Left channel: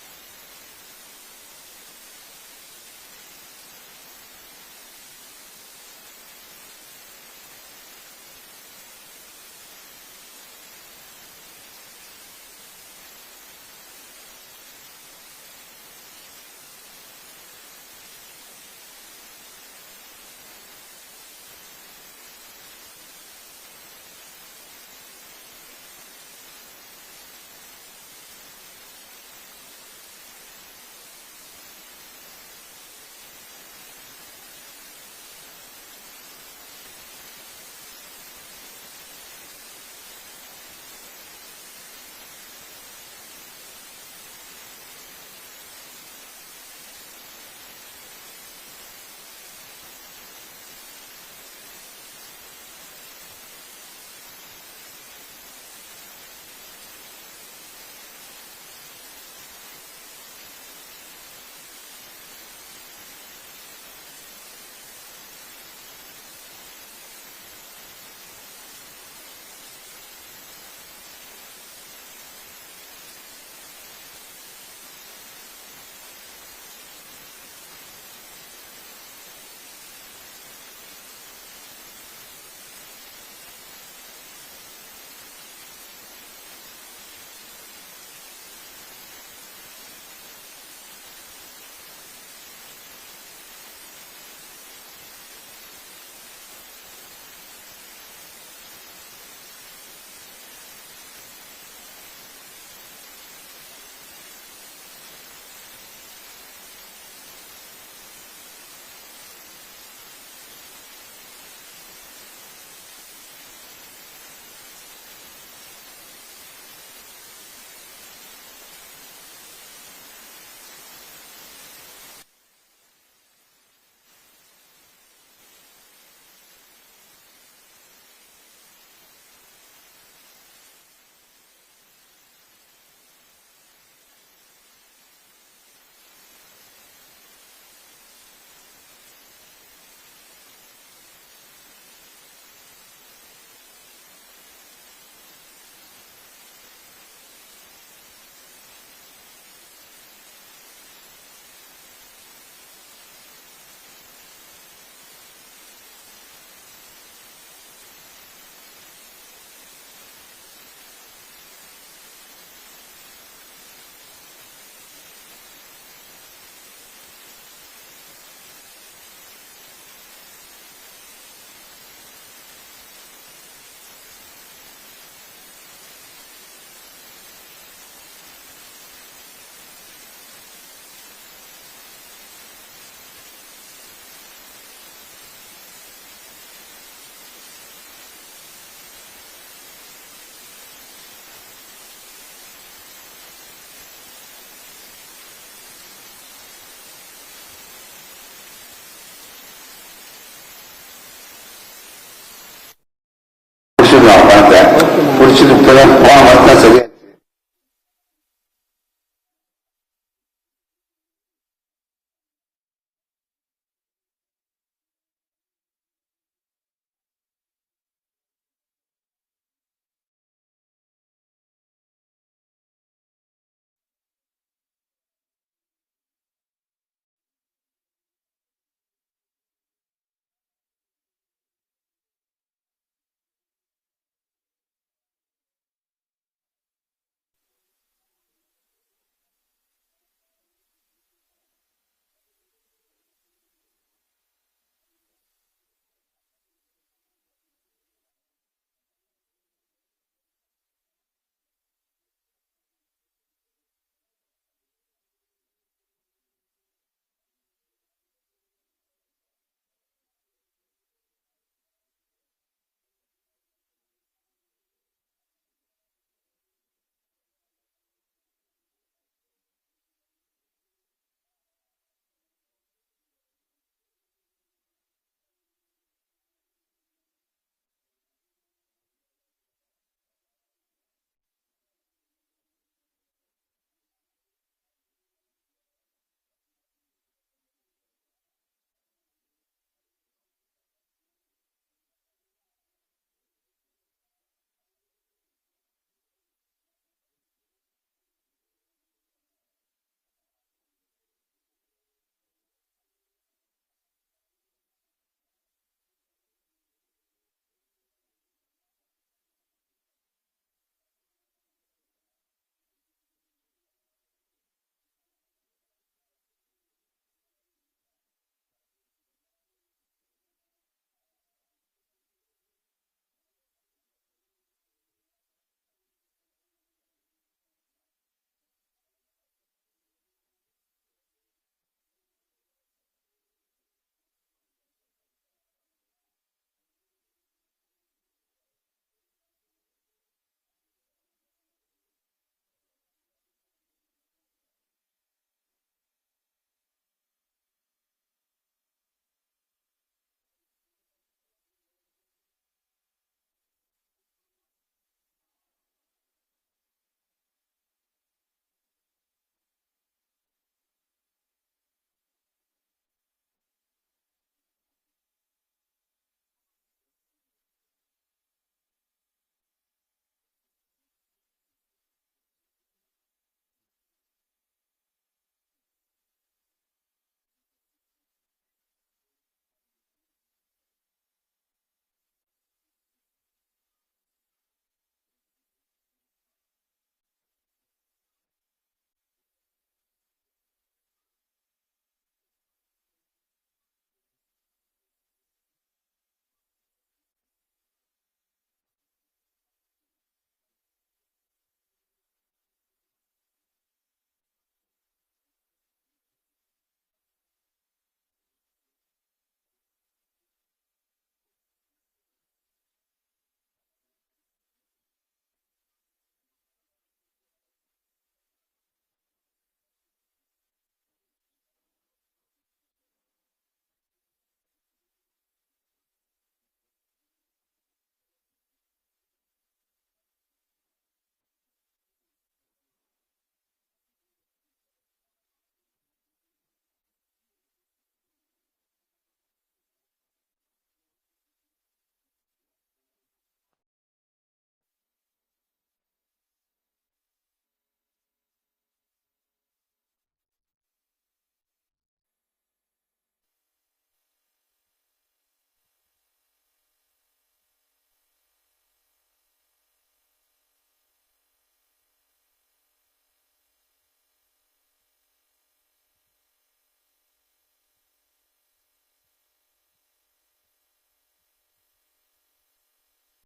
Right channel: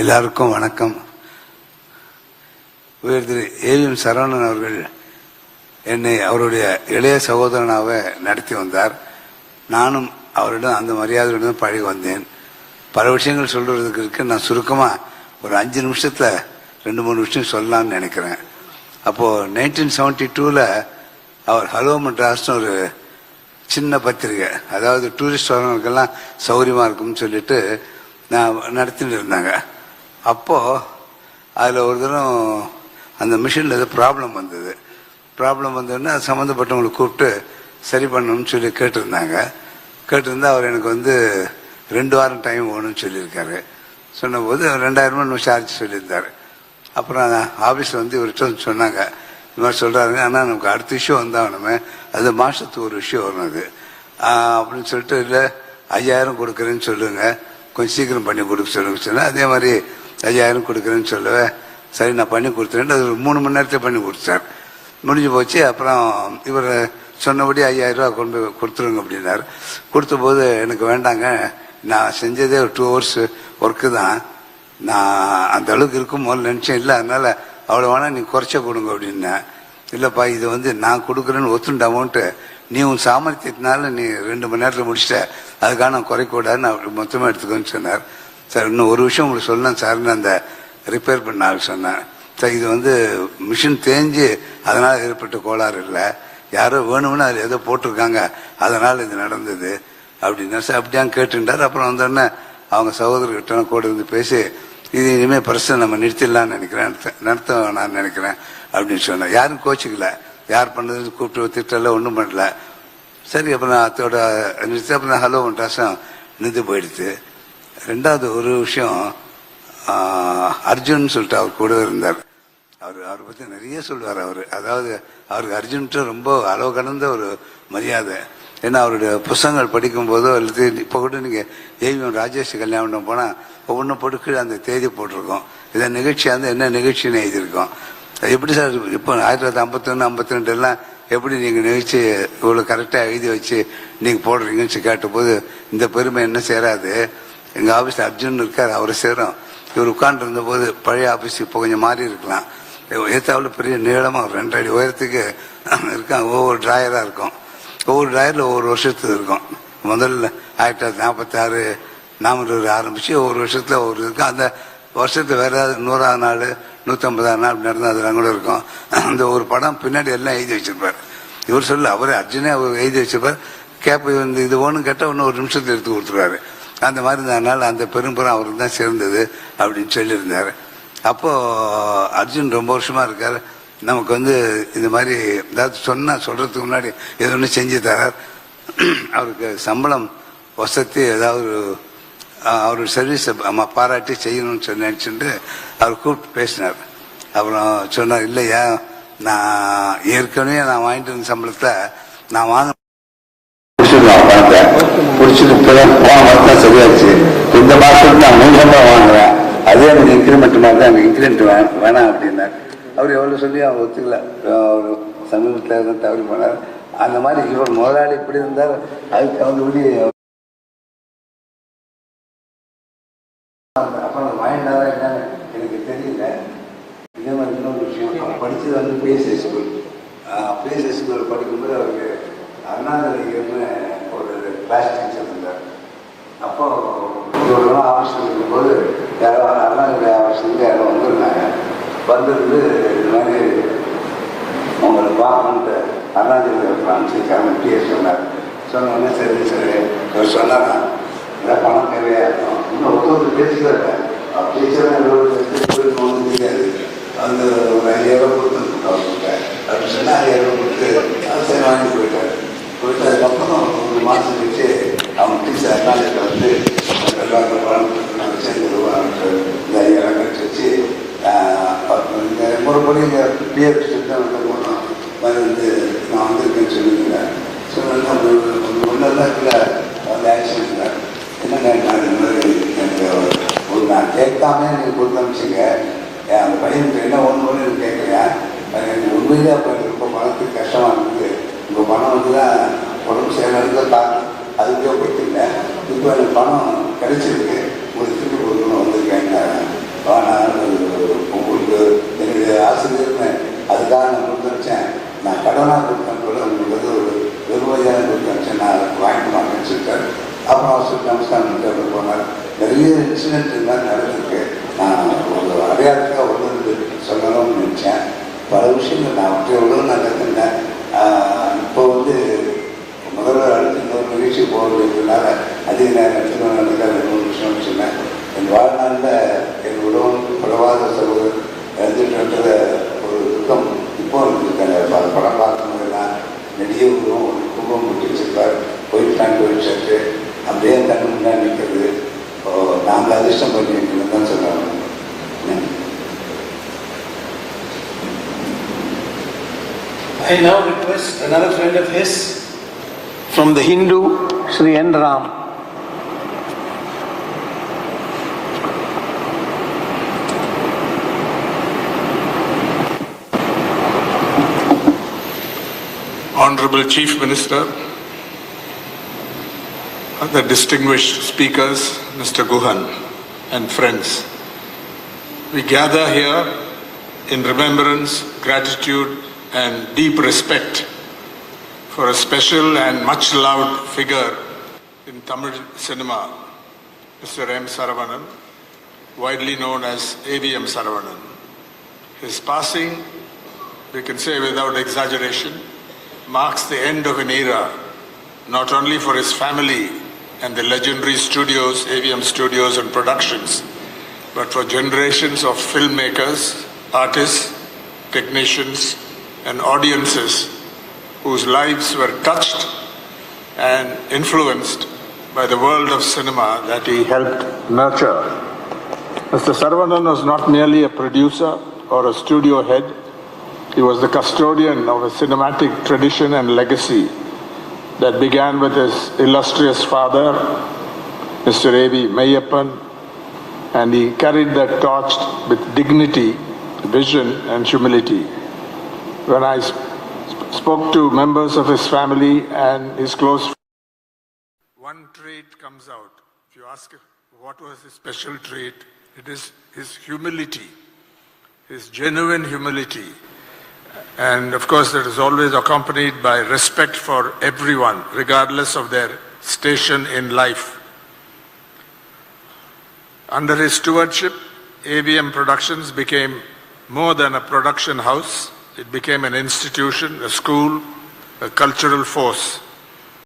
எல்லாருக்கும் வணக்கம். உயர் திரு ஏவிஎம் சரவணன் அவர்கள் என்னை அவருடைய இளைய சகோதரனாக நடத்தி வந்தார். நானும் அவரிடம் அந்த மரியாதையுடன் பழகி வந்தேன். பல விஷயங்கள் சொல்றதுக்கு இருக்கு. நான் சுருக்கமாக ஒரு அஞ்சு நிமிஷத்தில் ரெண்டு மூணு விஷயம் சொல்லலாம்னு நினைக்கிறேன். அப்போது நைன்டீன் செவன்டி டூவில் அவர் ஹலோ மெட்ராஸ்னு ஒரு சின்ன பத்திரிகை அதாவது டூரிஸ்ட் வரவங்களுக்கெல்லாம் சௌகரியமாக இருக்கும்னு சொல்லிட்டு நான் நடத்திட்டு இருந்தாங்க. அப்போது அதில் ஒரு தினம் அந்த மிஷினில் ஏதோ ப்ராப்ளம் வந்தது. ப்ராப்ளம் வந்தோடனே அது சம்மந்தப்பட்டவங்களை கூப்பிட்டு சரி பண்ணணும்னு சொல்லி கேட்டிருந்தாங்க. கேட்டிருந்தா அவர் எனக்கு வந்து ரெண்டு வாரம் டைம் வேணும்னு சொல்லியிருக்காரு. சொன்னபோது ரெண்டாயிரம் ரூபாய் சார்ஜ் சொல்லியிருந்தார். அப்புறம் ஆஃபீஸில் வந்து இவர்கிட்ட வந்து சொன்னாங்க. இந்த மாதிரி சொல்கிறாருங்க ஆனால் நமக்கு அடுத்த இஷ்யூ வந்தாகணுமே அது மாதத்துக்கு ஒரு விஷயம் வரும் அது. அப்படின்னு சொல்லிட்டு இல்லை ஐயாயிரம் கொடுக்குறேன்னு சொல்லுங்கள் கொஞ்சம் சீக்கிரம் பண்ணி கொடுக்க சொல்லுங்க சொன்னேன். அதே மாதிரி ஐயாயிரம் கொடுக்குறேன்னு சொல்லுவேன் சரி நான் பண்ணி கொடுத்துறேன். அது ஒரு மூணு மணி நேரத்தில் பண்ணி கொடுத்தார் முடிஞ்சு போச்சு. அப்புறம் இவர் சொன்னபடி ஐயாயிரம் ரூபா கொண்டு கொடுத்துருங்க அப்படின்னாரு. கொடுத்தபோது எனக்கு வேண்டாங்க. நான் செஞ்சதே ஒரு டூ ஹவர்ஸ் ஒர்க்கு தான். நான் அந்த அளவுக்கு இருக்கும் போது நினச்சேன். இல்லை அதனால் அவ்வளோ வேணா நீ குறைச்ச கொடுங்க அப்படின்னேன். இல்லைப்பா இது வந்து நான் கொடுக்குறேன்னு ஒத்துண்ட அமௌண்ட்டு நீ உன் சாமர்த்தியத்தினால நீ ரெண்டு மணி நேரத்தில் முடிச்சிட்ட. அதுக்காக நான் அப்படி மொத்தமாக எடுத்துக்கோன்னு சொன்னார். சார் இன்னும் ஒரு விஷயம் உங்களுக்கு சொன்னேன் சார்னு அந்த ரிப்பேர் பண்ண ஆள் சொன்னேன். சார் இது வந்து மிஷின் தேஞ்சு அதனால் ஏற்பட்ட கோளாறு இல்லை. யாரோ வேணும்னு அதில் ஏதோ போட்டிருக்காங்க. அதனால் இது நடந்தது அப்படின்னா சார் அப்படியாங்க கேட்டுட்டார். அப்புறம் வந்தோடனே அவங்க சகோதரர்கிட்ட கூட இருந்து பேசி இது இனிமேல் பிரச்சனை நம்ம நிறுத்திடலாம்னு நினைக்கிறேன் நடத்த- நடத்த நான் நினைக்கிறேன் அப்படின்னு சொன்னேன். யாரும் கோச்சிக்கல. யார் பண்ணது கூப்பிட்டு திட்டல ஒன்றும் பண்ணல. சரி அப்புறம் நான் அதோட நிறுத்தி அப்புறம் நான் ஹலோ ஒன்றாசம் நின்று போயிடுது ரெண்டாவது ஒரு விஷயம் அர்ஜுன் சொல்லிட்டு அவர் கூட இருந்தார். அவர் அவரை பற்றி நிறைய சொல்லுவார் அவர். அதாவது அவருக்கு அர்ஜுன்ட்டு ரொம்ப அளவு கடந்த ஒரு மரியாதை. ஏன்னா அவருடைய புஸ்தகங்கள் படிக்கும்போதோ அல்லது இப்போ கூட நீங்கள் ஏவிஎம் ராஜேஷ் கல்யாணம் போனால் ஒவ்வொன்றும் போட்டு அந்த தேதி போட்டிருக்கோம். இதை நிகழ்ச்சியாக இருந்து என்ன நிகழ்ச்சின்னு எழுதியிருக்கோம். எப்படி சார் இப்போ ஆயிரத்தி தொள்ளாயிரத்தி ஐம்பத்தொன்று ஐம்பத்தி ரெண்டுலாம் எல்லாம் எப்படி நீங்கள் நிகழ்ச்சி இவ்வளோ கரெக்டாக எழுதி வச்சு நீங்கள் போடுறீங்கன்னு சொல்லி கேட்டபோது இந்த பெருமை என்ன சேராது? எங்கள் ஆஃபீஸில் அர்ஜுன் இருக்கார் அவரை சேரும். இவர் உட்கார்ந்து போது பழைய ஆஃபீஸ் இப்போ கொஞ்சம் மாறி இருக்கலாம். ஏத்தாவில் பெரிய நீளமாக ஒரு ரெண்டு அடி உயரத்துக்கு இருக்காங்க ஒவ்வொரு ட்ராயராக இருக்கும். ஒவ்வொரு ட்ராயரில் ஒவ்வொரு வருஷத்துக்கு இருக்கும். முதல்ல ஆயிரத்தி தொள்ளாயிரத்தி நாற்பத்தாறு நாமூர் ஆரம்பித்து ஒவ்வொரு வருஷத்தில் ஒவ்வொரு இருக்கும். அந்த வருஷத்துக்கு வேறு ஏதாவது நூறாவது நாள் நூற்றம்பதாம் நாள் அப்படி நடந்தால் அதெல்லாம் கூட இருக்கும். அந்த ஒரு படம் பின்னாடி எல்லாம் எழுதி வச்சிருப்பார். இவர் சொல்ல அவரே அர்ஜுனே அவர் எழுதி வச்சிருப்பார். கேப்பை வந்து இது ஒன்று கேட்டால் இன்னும் ஒரு நிமிஷத்தில் எடுத்து கொடுத்துருவாரு. அந்த மாதிரி இருந்ததுனால அந்த பெரும்புறம் அவருக்கு தான் சேர்ந்தது அப்படின்னு சொல்லியிருந்தார். அப்போது அர்ஜுன் ரொம்ப வருஷமாக இருக்கார். நமக்கு வந்து இந்த மாதிரி ஏதாவது சொன்னால் சொல்கிறதுக்கு முன்னாடி எது ஒன்று செஞ்சு தரார். அவருக்கு சம்பளம் வசதி ஏதாவது அவர் சர்வீஸை நம்ம பாராட்டி செய்யணும்னு சொல்லி நினச்சிட்டு அவர் கூப்பிட்டு பேசினார். அப்புறம் சொன்னார் இல்லையா நான் ஏற்கனவே நான் வாங்கிட்டு இருந்த சம்பளத்தை நான் வாங்க பணத்தை பிடிச்சிட்டு போன மாதம் தான் சரியாச்சு. இந்த மாதத்துக்கு நான் மூணு சம்பளம் வாங்குறேன். அதே எனக்கு இன்க்ரிமெண்ட் மாதிரி தான் எனக்கு இன்க்ரிமெண்ட் வேணாம் அப்படின்னா அவர் எவ்வளோ சொல்லி அவன் ஒத்துக்கல. அவர் சமீபத்தில் தான் தவறி போனார் அந்த மாதிரி இவர் முதலாளி இப்படி இருந்தார். அதுக்கு தகுந்தபடி அப்புறம் வாங்கினாரா என்னன்னு எனக்கு தெரியல. இதே மாதிரி இன்னொரு விஷயம். அவர் படித்தது வந்து பிஎஸ்சி ஸ்கூல் பிஎஸ்சி ஸ்கூலில் படிக்கும்போது அவருக்கு அண்ணாதிரிகர்னு ஒரு கிளாஸ் டீச்சர் இருந்தார் அப்போ ஒரு நாள் ஆஃபீஸில் இருக்கும்போது யாரோ அண்ணாதிரி ஆஃபீஸ்லேருந்து யாரோ வந்திருந்தாங்க. வந்திருந்து இந்த மாதிரி உங்களை பார்க்கணுன்ட்டு அண்ணாதிரி காமிச்சிருக்காங்க டிஎஸ் சொன்னார். சொன்ன உடனே சரி சரி அவர் சொன்னாரா? இதான் பணம் தேவையாக இருக்கும் இன்னும் ஒருத்தர் பேசுகிறாரு டீச்சர் ஒன்றும் தெரியாது. அந்த ஒரு ஐயாயிரம் கொடுத்து அவர்கிட்ட அப்படி சொன்னால் ஐயாயிரம் கொடுத்து அது சரி வாங்கி போயிட்டார். போயிட்டு ஒரு மாதம் அவங்க டீச்சர் அண்ணாதிரி வந்து எல்லாருக்கும் பணம் நாங்கள் சேர்ந்து இந்த ஐயாயிரம் வச்சு இந்த முறைப்படி இங்கே பிஎஃப் தான் வந்து போனோம் வந்து நான் வந்திருக்கேன்னு சொல்லியிருந்தேன் சொன்னா ஒன்றெல்லாம் இல்லை வந்து ஆக்ஷன் இல்லை என்னங்க நான் இந்த மாதிரி எனக்கு ஒரு நான் கேட்காம நீங்கள் கொடுத்து அனுப்பிச்சிங்க அந்த பையனுக்கு என்ன ஒன்று ஒன்று கேட்குறேன் எனக்கு உண்மையிலே அப்போ ரொம்ப மனத்துக்கு கஷ்டமாக உங்கள் பணம் வந்து தான் உடம்பு செய்யறதுக்கு காரணம். அதுக்கே போயிட்டீங்க இப்போ எனக்கு பணம் கிடைச்சிருக்கு. ஒரு திருப்பி கொடுக்கணும் வந்திருக்கேங்க உங்களுக்கு என்னுடைய ஆசிரியர்னு அதுக்காக நான் கொடுத்தனுச்சேன் நான் கடனாக கொடுத்தேன் கூட உங்களுக்கு வந்து ஒரு வெறுமையாக கொடுத்தனுச்சேன் நான் வாங்கிட்டு மாட்டேன்னு சொல்லிட்டாரு அப்புறம் அவர் சொல்லி நமஸ்காரம் போனார். நிறைய இன்சிடென்ட் இருந்தால் நடந்திருக்கு. நான் ஒரு அடையாளத்துக்காக ஒன்று சொன்னாலும் நினச்சேன். பல விஷயங்கள் நான் அப்படியே எவ்வளோ நடந்திருந்தேன் முயற்சி போகிறதுனால நிகழ்ச்சி போக வேண்டியதுனால அதிக நேரம் எடுத்துக்கணும் நடக்காத இன்னொரு விஷயம் சொன்னேன். என் வாழ்நாளில் என் உடவும் பலவாத சகோதரர் இறந்துட்டுன்ற ஒரு துக்கம் இப்போ இருக்காங்க படம் பார்க்கும்போதெல்லாம் நெடிய உருவம் ஒரு கும்பம் முட்டி வச்சிருப்பார். ஒயிட் பேண்ட் ஒயிட் அப்படியே கண்ணு முன்னாடி நிற்கிறது நாங்கள் அதிர்ஷ்டம் பண்ணியிருக்கணும் தான் சொல்கிறாங்க I now request another friend of his from the Hindu, Sri N. Ram. Honorable Chief Minister, other distinguished speakers, Mr. Guhan, and friends, we gather here in remembrance, gratitude, and deep respect for a special and much loved figure in Tamil cinema, Mr. M. Saravanan, widely known as AVM Saravanan. His passing, we can say without exaggeration, marks the end of an era, not only for his family and the legendary studios, AVM Studios and Productions, but for generations of filmmakers, artists, technicians, and audiences whose lives were touched and influenced by the world of cinema that he helped nurture. Mr. Saravanan was not merely a producer or a studio head, he was the custodian of a cinematic tradition and legacy that began with his illustrious father, Mr. A.V. Mayappan, and he carried that torch with dignity, vision, and humility. When I spoke to members of his family and his close one trait comes out. If you ask what was his special trait, it is his humility, his genuine humility. And of course, that is always accompanied by respect for everyone, regardless of their station in life. Under his stewardship, AVM Productions became more than a production house. It became an institution, a school, a cultural force.